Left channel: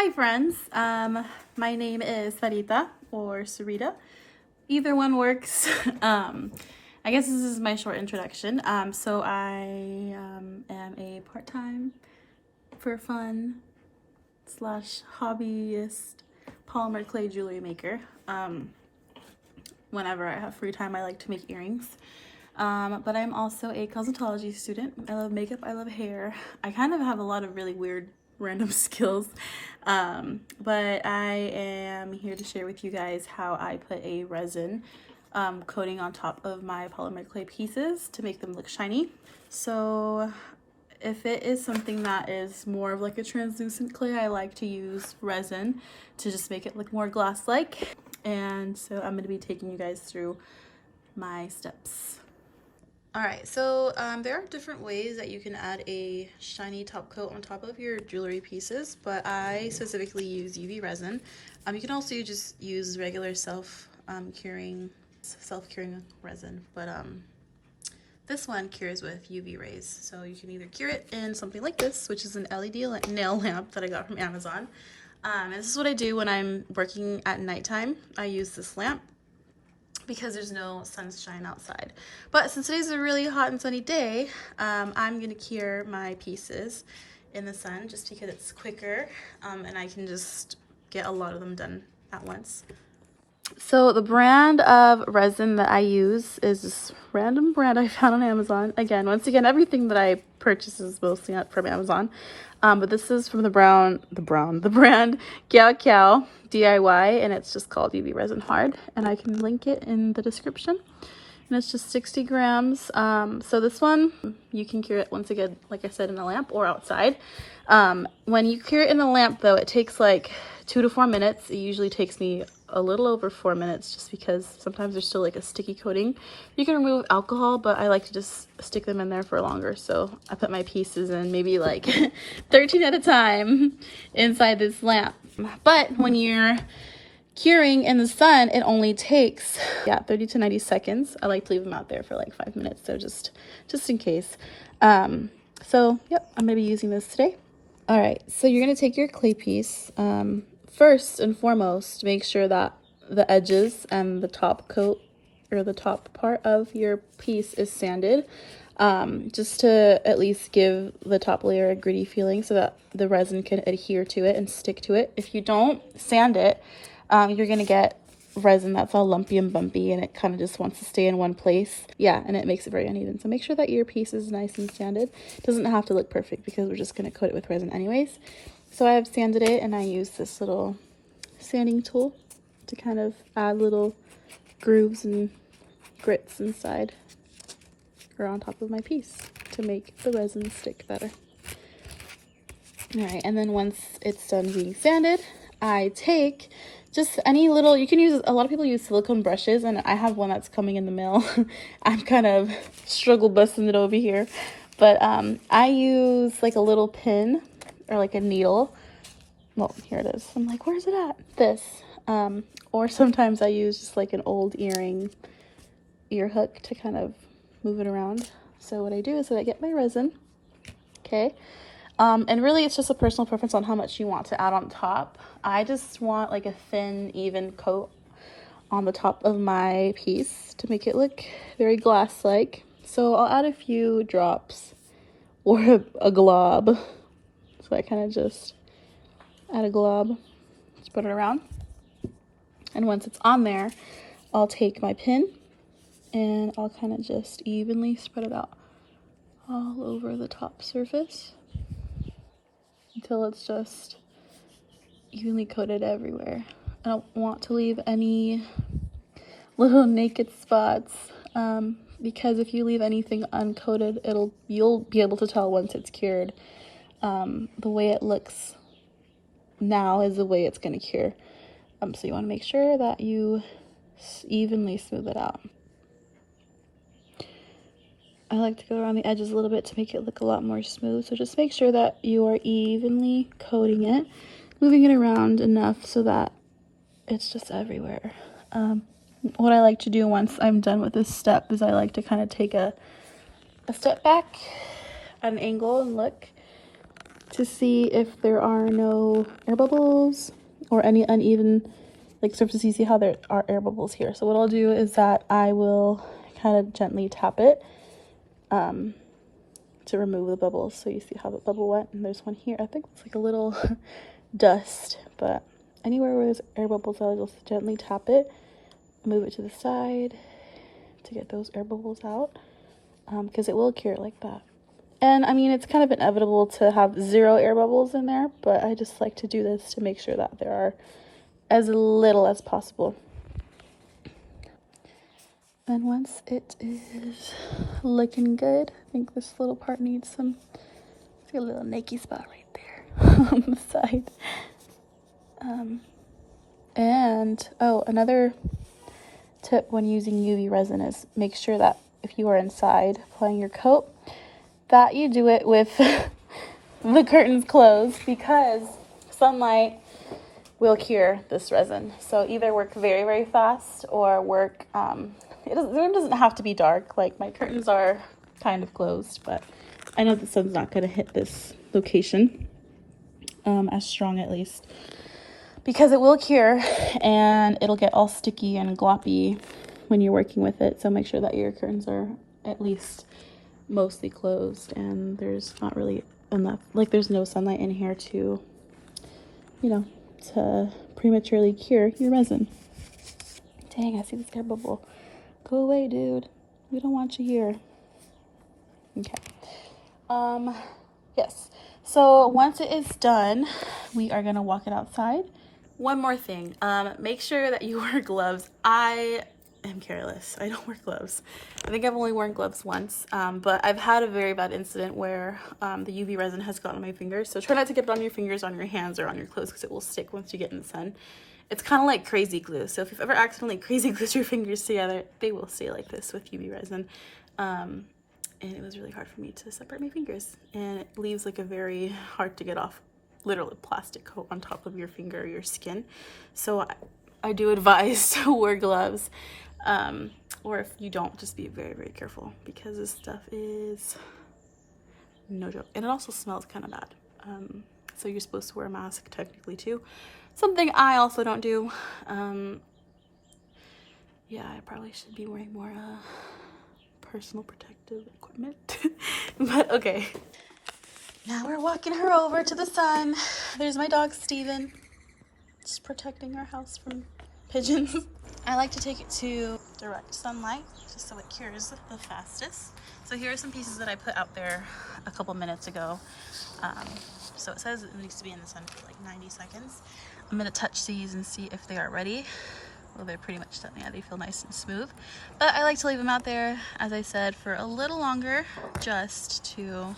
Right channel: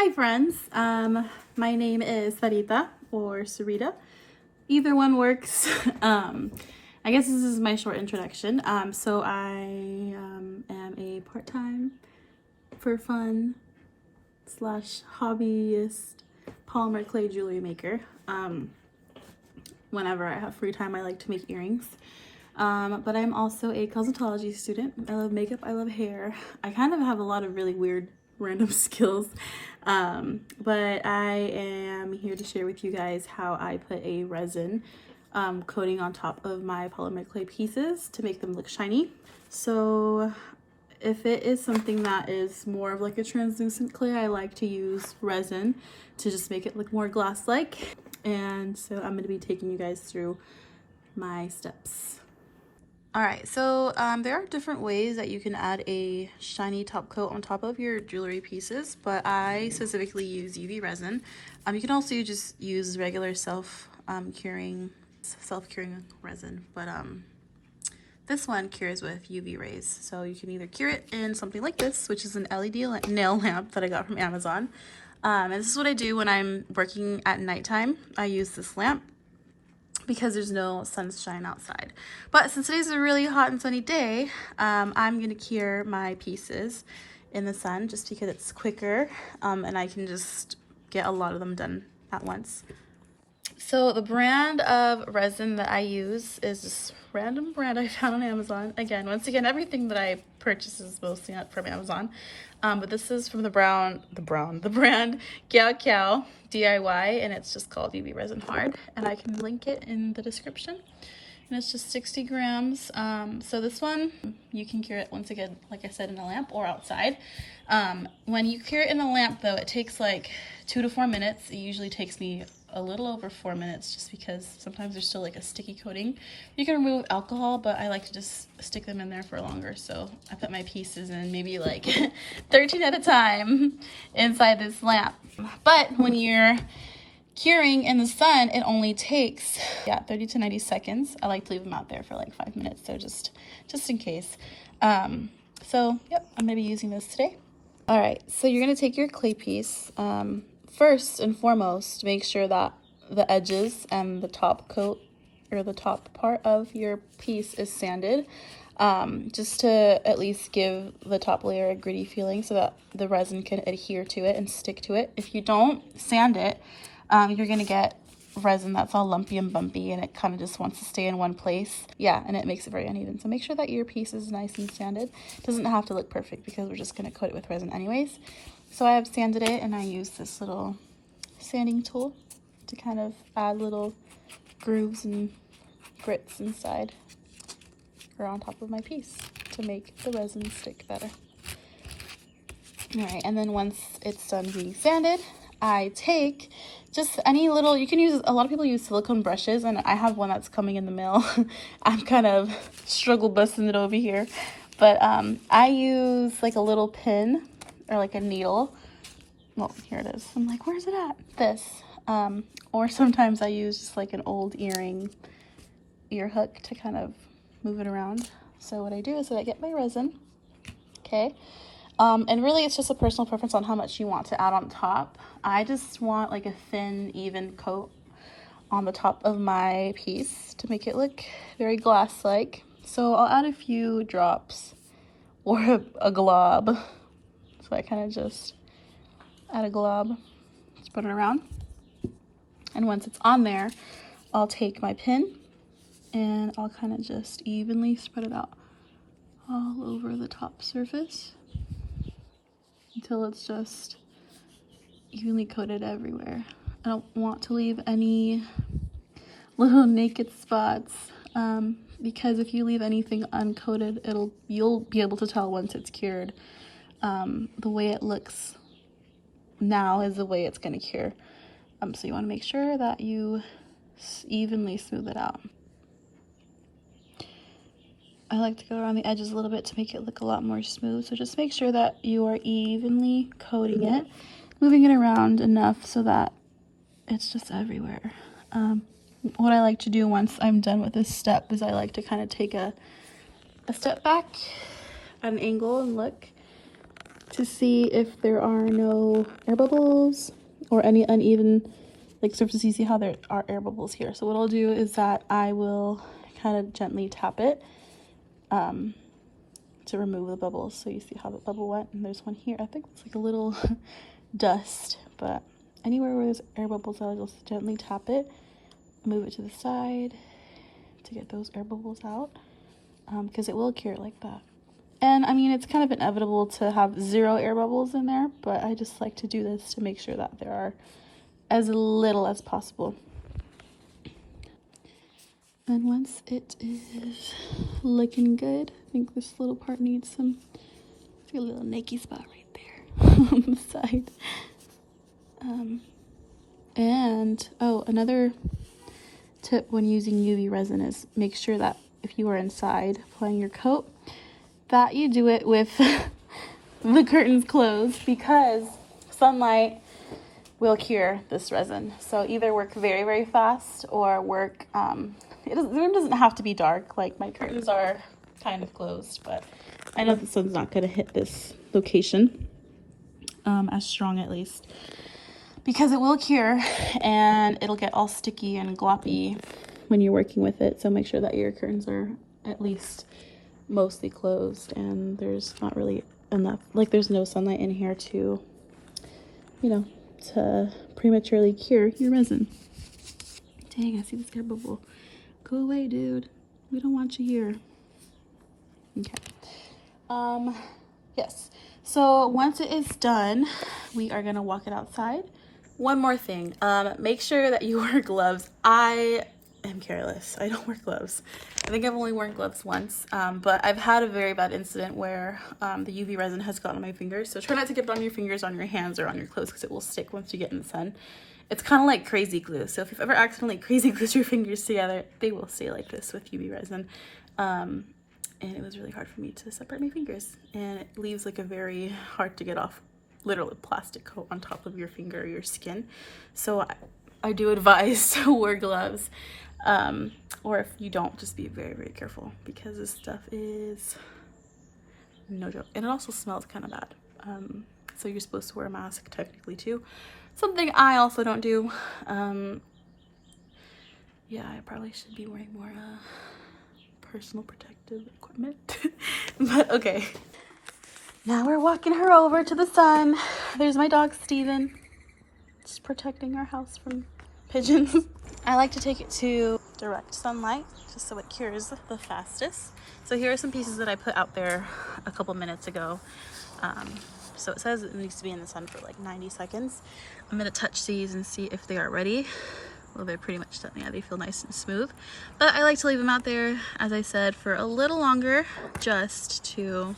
Hi friends, my name is Sarita or Sarita. Either one works. I guess this is my short introduction. So I am a part-time, for fun, slash hobbyist polymer clay jewelry maker. Whenever I have free time, I like to make earrings. But I'm also a cosmetology student. I love makeup, I love hair. I kind of have a lot of really weird random skills, but I am here to share with you guys how I put a resin coating on top of my polymer clay pieces to make them look shiny. So if it is something that is more of like a translucent clay, I like to use resin to just make it look more glass-like. And so I'm going to be taking you guys through my steps. Alright, so there are different ways that you can add a shiny top coat on top of your jewelry pieces, but I specifically use UV resin. You can also just use regular self-curing resin, but this one cures with UV rays. So you can either cure it in something like this, which is an LED nail lamp that I got from Amazon. And this is what I do when I'm working at nighttime. I use this lamp because there's no sunshine outside. But since today's a really hot and sunny day, I'm gonna cure my pieces in the sun just because it's quicker and I can just get a lot of them done at once. So the brand of resin that I use is this random brand I found on Amazon. Once again, everything that I purchase is mostly not from Amazon. But this is from the brand Kiao Kiao DIY, and it's just called UV Resin Hard, and I can link it in the description. And it's just 60 grams. So this one, you can cure it once again, like I said, in a lamp or outside. When you cure it in a lamp though, it takes like 2 to 4 minutes. It usually takes me a little over 4 minutes just because sometimes there's still like a sticky coating. You can remove alcohol, but I like to just stick them in there for longer. So I put my pieces in maybe like 13 at a time inside this lamp. But when you're curing in the sun, it only takes 30 to 90 seconds. I like to leave them out there for like 5 minutes, so just in case. So yep, I'm gonna be using this today. All right, so you're gonna take your clay piece. First and foremost, make sure that the edges and the top coat or the top part of your piece is sanded, just to at least give the top layer a gritty feeling so that the resin can adhere to it and stick to it. If you don't sand it, you're gonna get resin that's all lumpy and bumpy and it kind of just wants to stay in one place. Yeah, and it makes it very uneven. So make sure that your piece is nice and sanded. It doesn't have to look perfect because we're just gonna coat it with resin anyways. So I have sanded it, and I use this little sanding tool to kind of add little grooves and grits inside or on top of my piece to make the resin stick better. All right, and then once it's done being sanded, I take just any little, you can use, a lot of people use silicone brushes, and I have one that's coming in the mail. I'm kind of struggle busting it over here, but I use like a little pin or like a needle. Well, here it is. I'm like, where's it at? This. Or sometimes I use just like an old ear hook to kind of move it around. So what I do is I get my resin, okay? And really it's just a personal preference on how much you want to add on top. I just want like a thin, even coat on the top of my piece to make it look very glass-like. So I'll add a few drops or a glob. So I kind of just add a glob, spread it around. And once it's on there, I'll take my pin and I'll kind of just evenly spread it out all over the top surface until it's just evenly coated everywhere. I don't want to leave any little naked spots because if you leave anything uncoated, you'll be able to tell once it's cured. The way it looks now is the way it's going to cure. So you want to make sure that you evenly smooth it out. I like to go around the edges a little bit to make it look a lot more smooth. So just make sure that you are evenly coating it, moving it around enough so that it's just everywhere. What I like to do once I'm done with this step is I like to kind of take a step back at an angle and look to see if there are no air bubbles or any uneven like surfaces. You see how there are air bubbles here. So what I'll do is that I will kind of gently tap it to remove the bubbles. So you see how the bubble went, and there's one here. I think it's like a little dust, but anywhere where there's air bubbles, I'll just gently tap it, move it to the side to get those air bubbles out, because it will cure like that. And I mean, it's kind of inevitable to have 0 air bubbles in there, but I just like to do this to make sure that there are as little as possible. And once it is looking good, I think this little part needs some, it's got a little naked spot right there on the side. And oh, another tip when using UV resin is make sure that if you are inside applying your coat, that you do it with the curtains closed, because sunlight will cure this resin. So either work very, very fast or work, the room doesn't have to be dark. Like my curtains are kind of closed, but I know the sun's not going to hit this location as strong, at least, because it will cure and it'll get all sticky and gloppy when you're working with it. So make sure that your curtains are at least mostly closed and there's not really enough, like there's no sunlight in here to, you know, to prematurely cure your resin. Dang, I see this guy bubble. Go away, dude. We don't want you here. Okay. Yes. So once it is done, we are gonna walk it outside. One more thing. Make sure that you wear gloves. I am careless. I don't wear gloves. I think I've only worn gloves once, but I've had a very bad incident where the UV resin has gotten on my fingers. So try not to get it on your fingers, on your hands, or on your clothes, because it will stick once you get in the sun. It's kind of like crazy glue. So if you've ever accidentally crazy glued your fingers together, they will stay like this with UV resin. And it was really hard for me to separate my fingers. And it leaves like a very hard to get off, literally plastic coat on top of your finger or your skin. So I do advise to wear gloves. Or if you don't, just be very, very careful, because this stuff is no joke. And it also smells kind of bad. So you're supposed to wear a mask technically too. Something I also don't do. Yeah, I probably should be wearing more personal protective equipment. But okay. Now we're walking her over to the sun. There's my dog, Steven. Just protecting our house from pigeons. I like to take it to direct sunlight just so it cures the fastest. So here are some pieces that I put out there a couple minutes ago. So it says it needs to be in the sun for like 90 seconds. I'm gonna touch these and see if they are ready. Well, they're pretty much done. Yeah, they feel nice and smooth. But I like to leave them out there, as I said, for a little longer, just to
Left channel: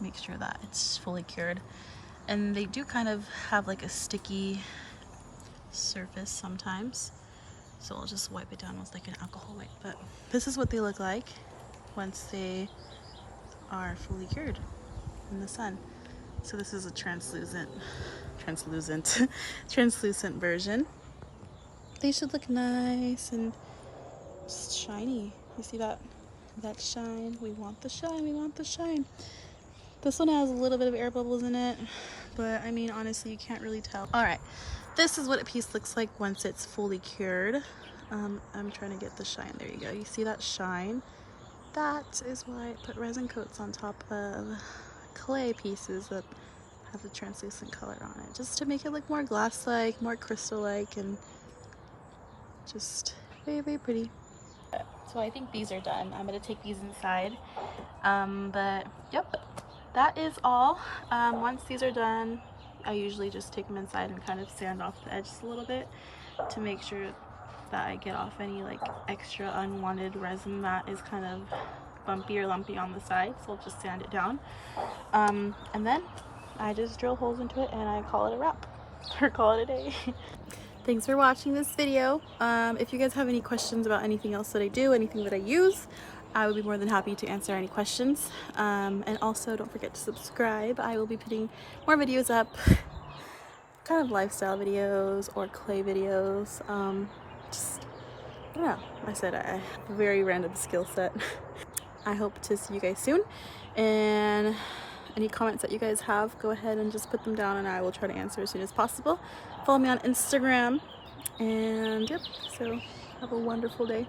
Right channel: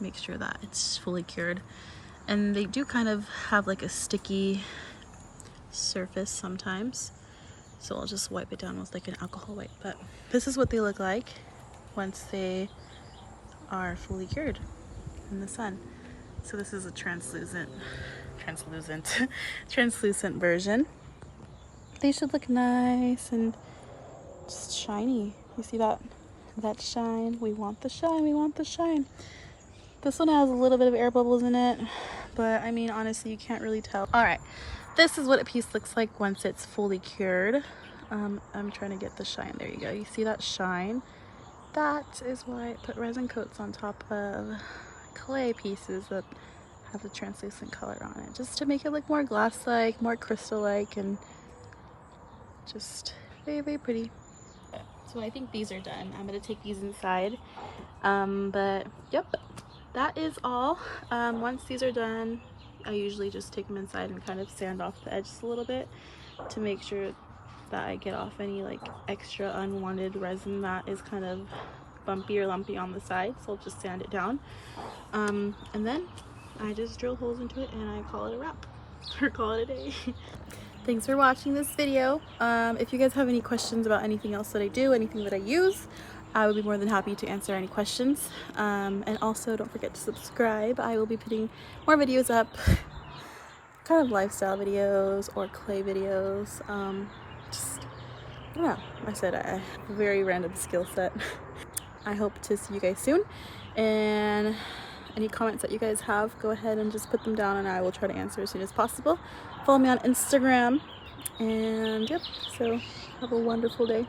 make sure that it's fully cured. And they do kind of have like a sticky surface sometimes, so I'll just wipe it down with like an alcohol wipe. But this is what they look like once they are fully cured in the sun. So this is a translucent version. They should look nice and just shiny. You see that shine? We want the shine, we want the shine. This one has a little bit of air bubbles in it, but I mean, honestly, you can't really tell. All right, this is what a piece looks like once it's fully cured. I'm trying to get the shine. There you go. You see that shine? That is why I put resin coats on top of clay pieces that have the translucent color on it, just to make it look more glass-like, more crystal-like, and just very, very pretty. So I think these are done. I'm gonna take these inside. But yep, that is all. Once these are done, I usually just take them inside and kind of sand off the edges a little bit to make sure that I get off any like extra unwanted resin that is kind of bumpy or lumpy on the side. So I'll just sand it down. And then I just drill holes into it and I call it a wrap, or call it a day. Thanks for watching this video. If you guys have any questions about anything else that I do, anything that I use, I would be more than happy to answer any questions. And also don't forget to subscribe. I will be putting more videos up, kind of lifestyle videos or clay videos. I don't know. I said I have a very random skill set. I hope to see you guys soon. And Any comments that you guys have, go ahead and just put them down and I will try to answer as soon as possible. Follow me on Instagram, and yep, so have a wonderful day.